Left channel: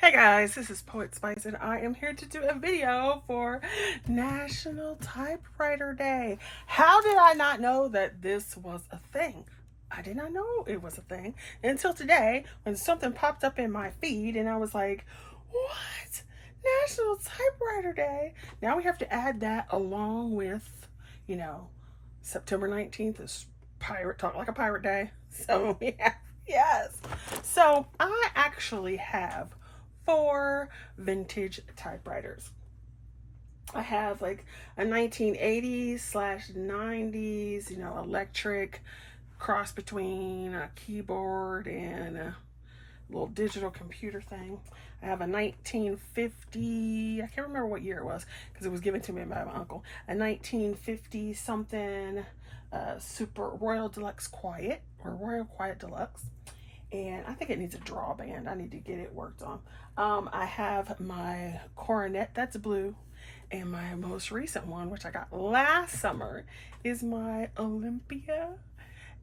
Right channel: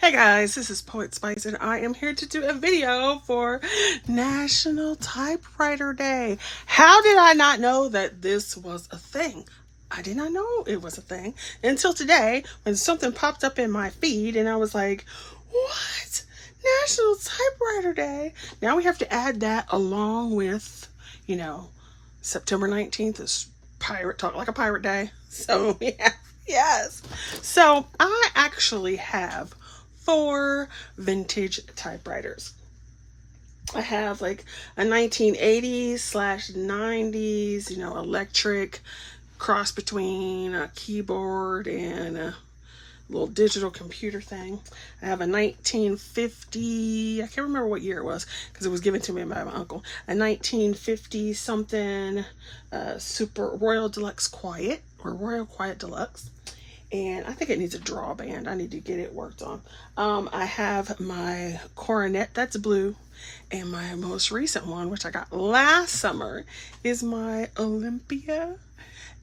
Hey guys, this is Poet Spice and I am here to do a video for National Typewriter Day. How did I not know that this was a thing? I did not know it was a thing until today when something popped up in my feed and I was like, what? National Typewriter Day? Now we have to add that along with, September 19th is Pirate Talk Like a Pirate Day. So yeah, yes. So I actually have 4 vintage typewriters. I have like a 1980s/90s, electric cross between a keyboard and a little digital computer thing. I have a 1950, I can't remember what year it was because it was given to me by my uncle, a 1950 something Super Royal Deluxe Quiet or Royal Quiet Deluxe. And I think it needs a drawband. I need to get it worked on. I have my coronet that's blue, and my most recent one, which I got last summer, is my Olympia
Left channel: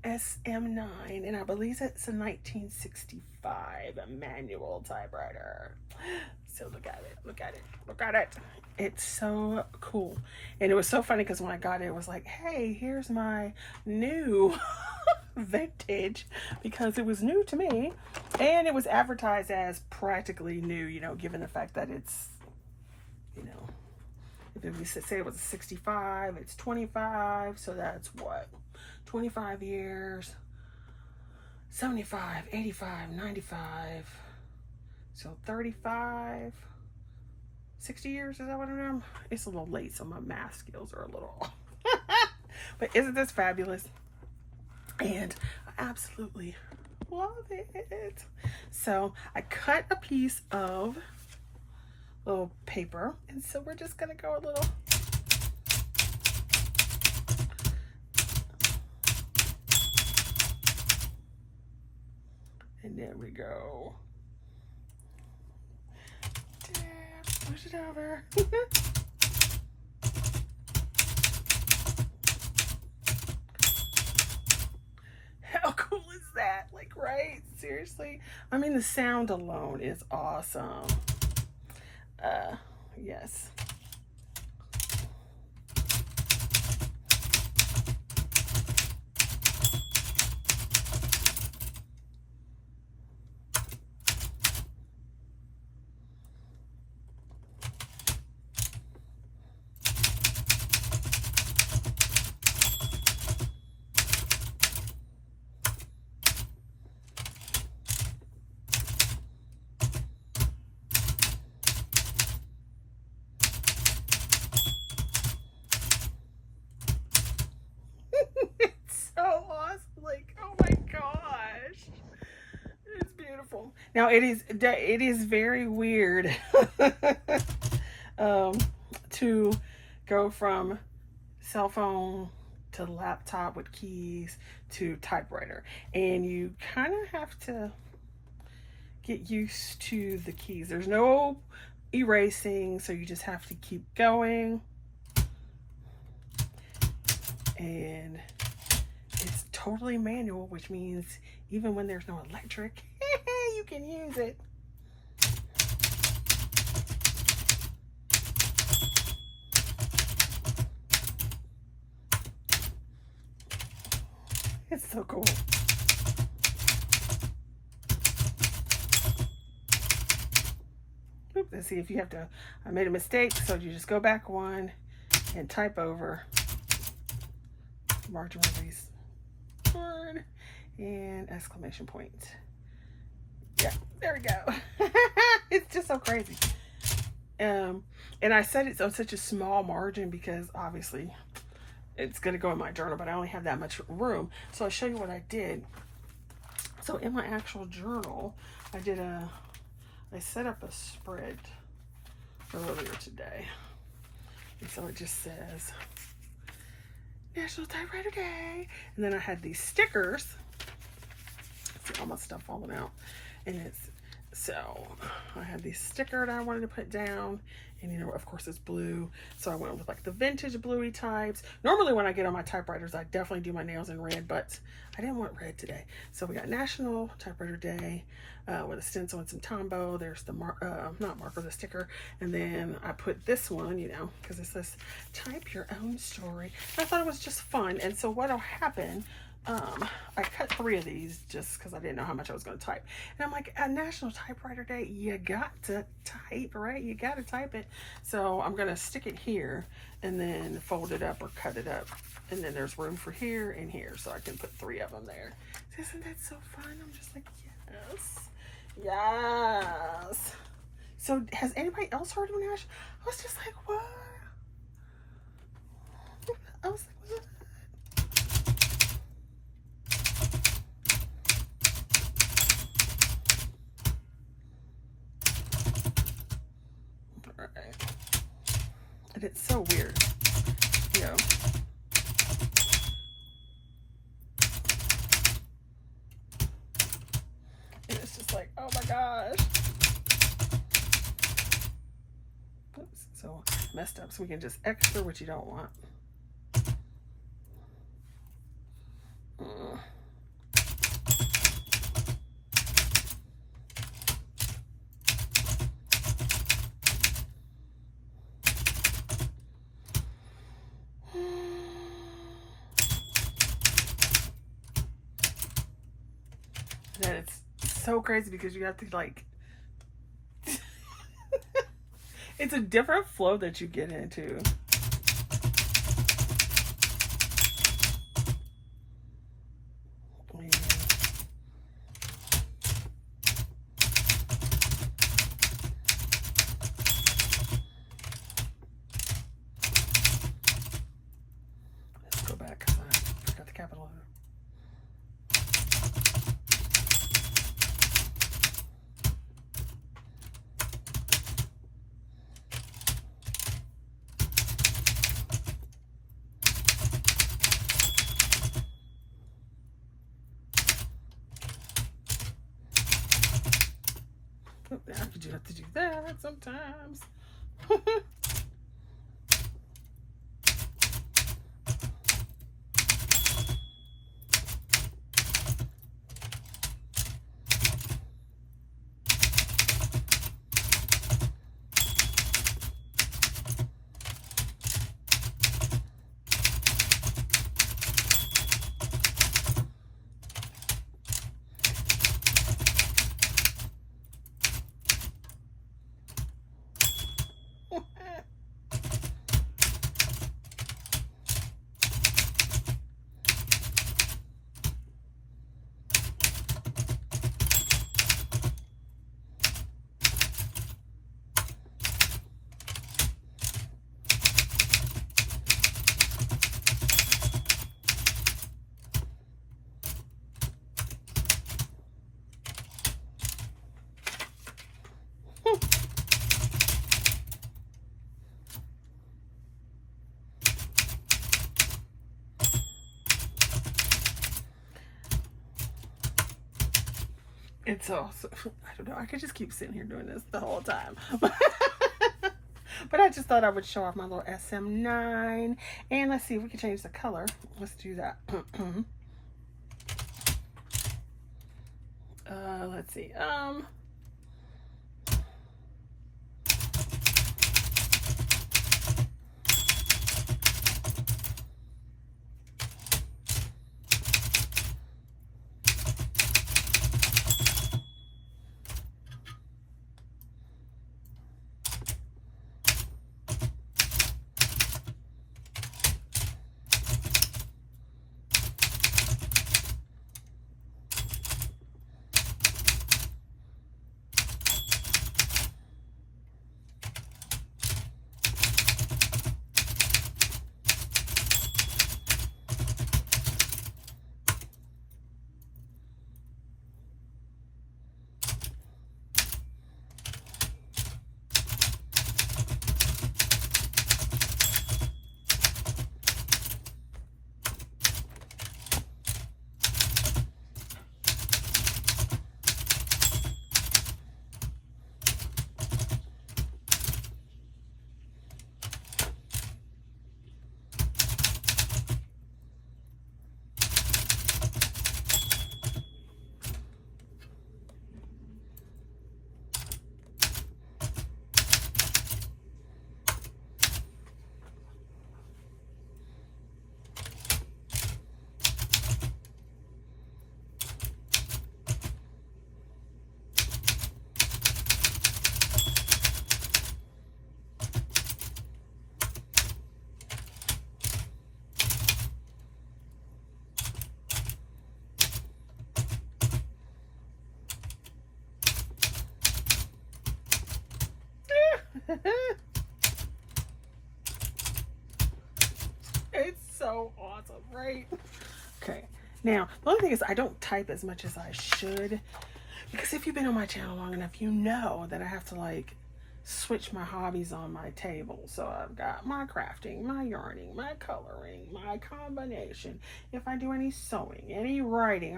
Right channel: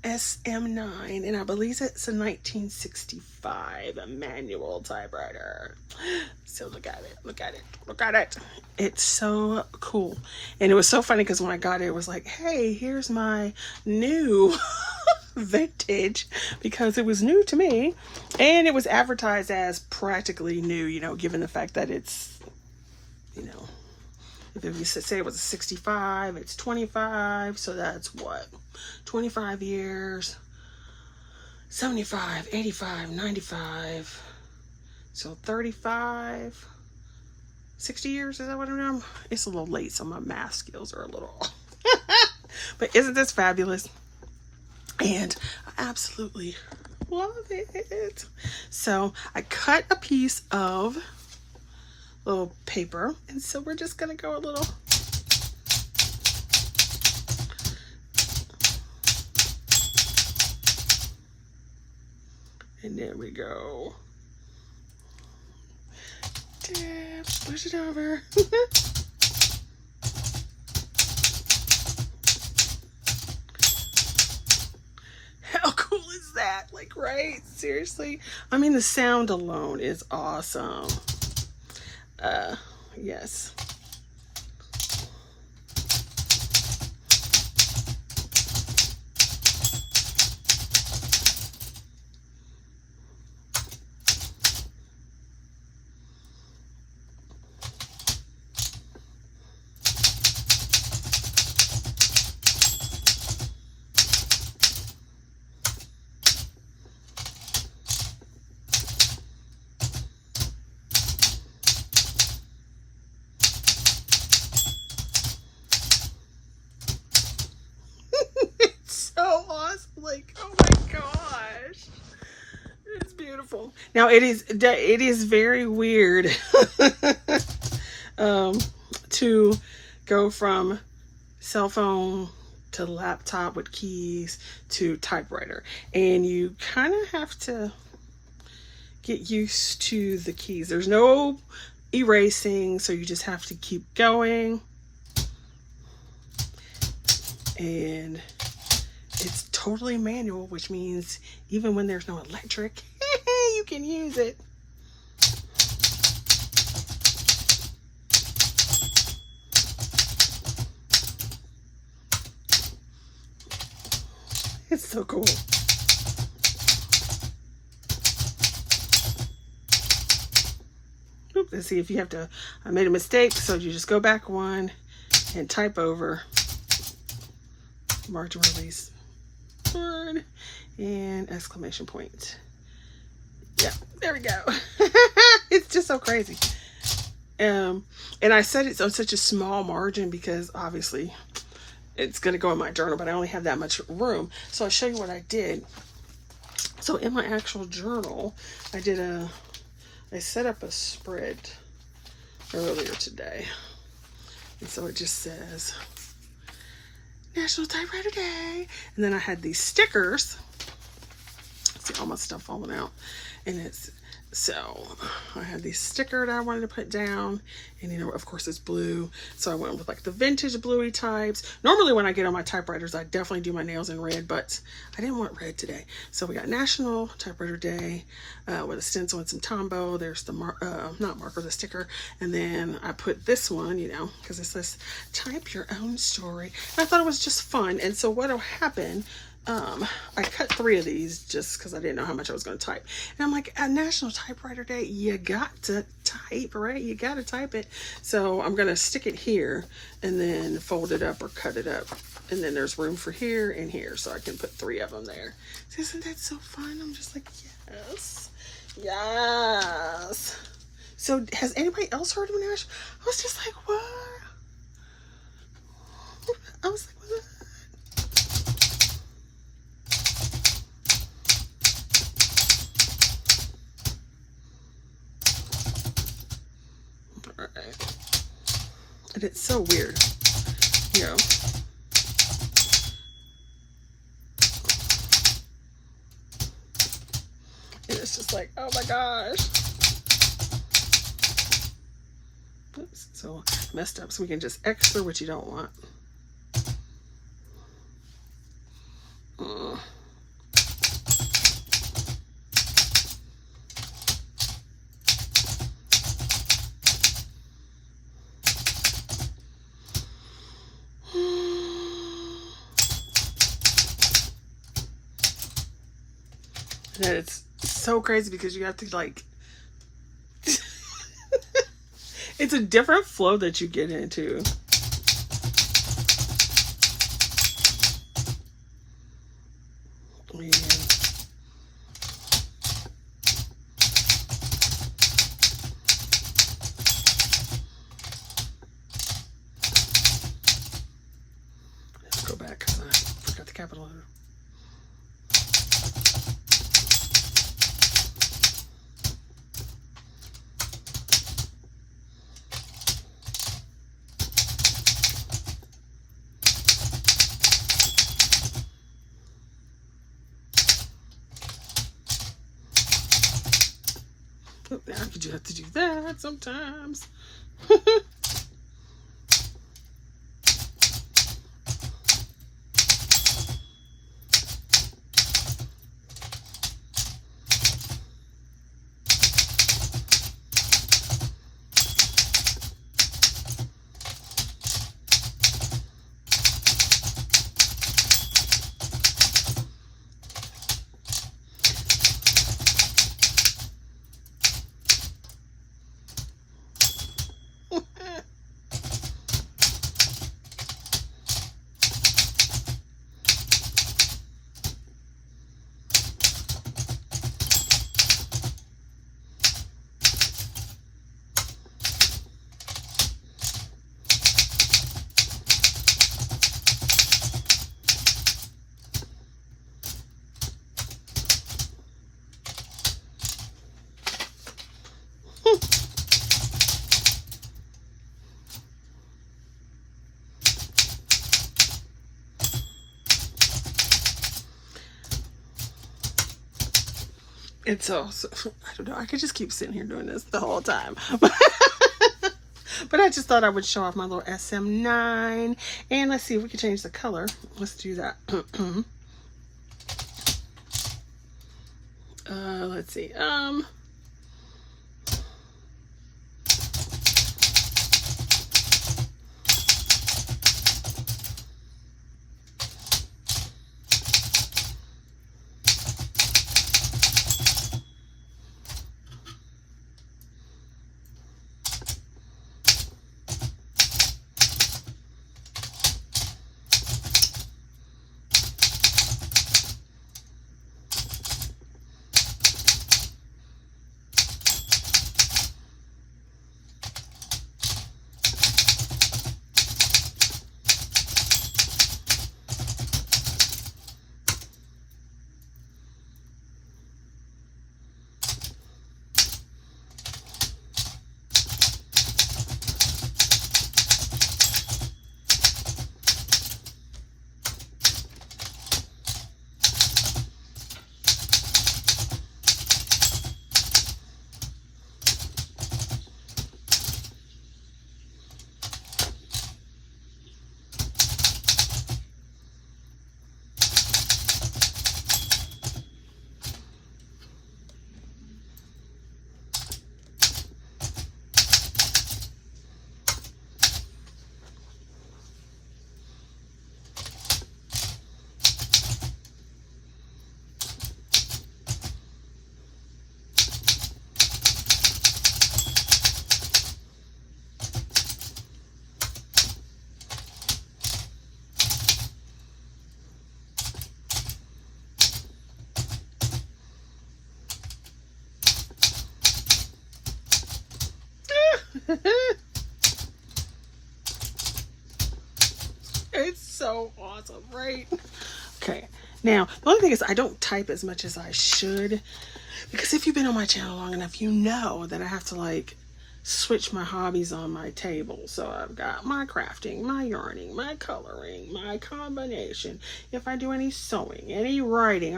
SM9, and I believe it's a 1965 manual typewriter. So look at it, look at it, look at it. It's so cool. And it was so funny because when I got it, it was like, hey, here's my new vintage, because it was new to me and it was advertised as practically new, given the fact that it's, if you say it was a 65, it's 25, so that's what, 25 years, 75, 85, 95, so 35, 60 years, is that what I know? It's a little late, so my math skills are a little off. But isn't this fabulous? And I absolutely love it. So I cut a piece of little paper, and so we're just gonna go a little and there we go. Push it over. How cool is that? Like, right? Seriously? I mean, the sound alone is awesome. Yes. So awesome. Like, oh my gosh. It's beautiful. Now it is very weird to go from cell phone to laptop with keys to typewriter, and you kind of have to get used to the keys. There's no erasing, so you just have to keep going, and it's totally manual, which means even when there's no electric, you can use it. It's so cool. Oop, let's see if you have to, I made a mistake, so you just go back one and type over margin release and exclamation point. Yeah, there we go. It's just so crazy. And I set it on such a small margin because obviously it's going to go in my journal, but I only have that much room. So I'll show you what I did. So in my actual journal, I set up a spread earlier today. And so it just says National Typewriter Day. And then I had these stickers. See all my stuff falling out. And it So I had these sticker that I wanted to put down, and you know, of course it's blue, so I went with like the vintage bluey types. Normally when I get on my typewriters, I definitely do my nails in red, but I didn't want red today. So we got National Typewriter Day with a stencil and some Tombow. There's the not marker, the sticker, and then I put this one, you know, because it says type your own story. And I thought it was just fun, and so what'll happen, I cut 3 of these just because I didn't know how much I was going to type. And I'm like, at National Typewriter Day, you got to type, right? You got to type it. So I'm going to stick it here and then fold it up or cut it up. And then there's room for here and here. So I can put 3 of them there. So isn't that so fun? I'm just like, yes. Yes. So has anybody else heard of National? I was just like, what? I was like, what? And it's so weird, you know. And it's just like, oh my gosh. Oops, so messed up. So we can just extra what you don't want. And it's so crazy because you have to like it's a different flow that you get into. Yeah. Let's go back because I forgot the capital letter. Oh, now you do have to do that sometimes. And so, I don't know, I could just keep sitting here doing this the whole time. But I just thought I would show off my little SM9. And let's see if we can change the color. Let's do that. Let's see. It's so awesome, right? Okay. Now, the only thing is I don't type as much as I should, because if you've been on my channel long enough, you know that I have to like switch my hobbies on my table. So I've got my crafting, my yarning, my coloring, my combination. If I do any sewing, any writing,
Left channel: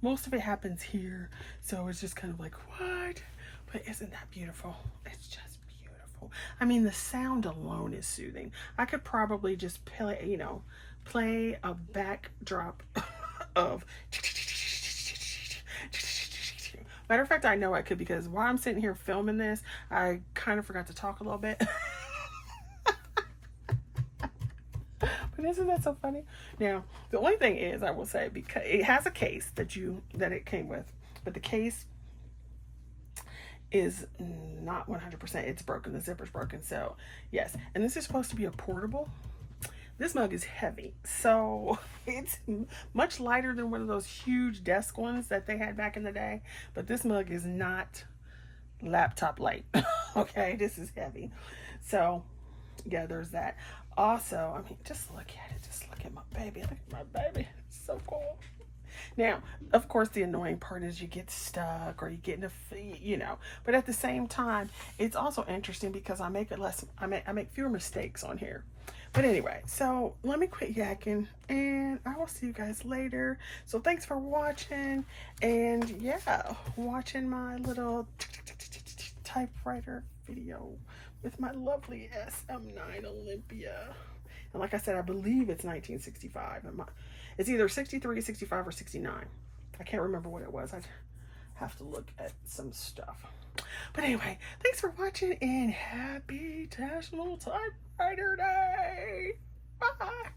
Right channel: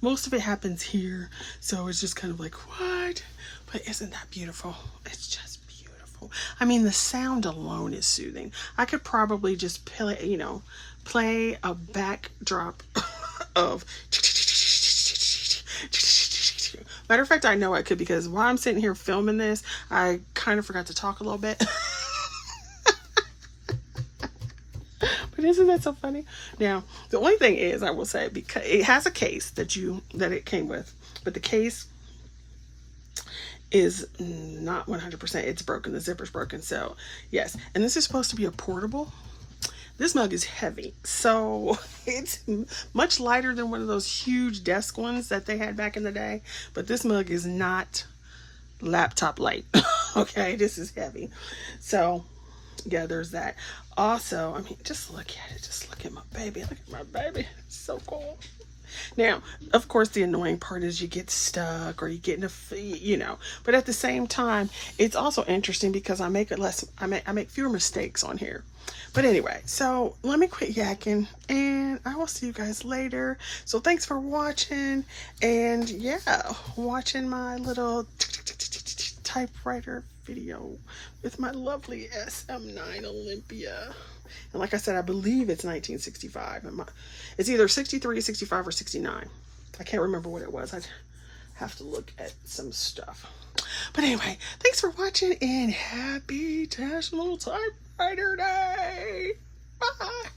most of it happens here. So it's just kind of like, what? But isn't that beautiful? It's just beautiful. I mean, the sound alone is soothing. I could probably just play a backdrop of. Matter of fact, I know I could, because while I'm sitting here filming this, I kind of forgot to talk a little bit. But isn't that so funny? Now, the only thing is, I will say, because it has a case that it came with, but the case is not 100%. It's broken. The zipper's broken. So yes, and this is supposed to be a portable. This mug is heavy, so it's much lighter than one of those huge desk ones that they had back in the day. But this mug is not laptop light. Okay, this is heavy. So yeah, there's that. Also, I mean, just look at it. Just look at my baby. Look at my baby. It's so cool. Now, of course, the annoying part is you get stuck or you get in a, but at the same time, it's also interesting because I make fewer mistakes on here. But anyway, so let me quit yakking, and I will see you guys later. So thanks for watching, and yeah, watching my little typewriter video with my lovely SM9 Olympia. And like I said, I believe it's 1965. It's either 63, 65, or 69. I can't remember what it was. I have to look at some stuff. But anyway, thanks for watching, and happy National Typewriter Day. Bye.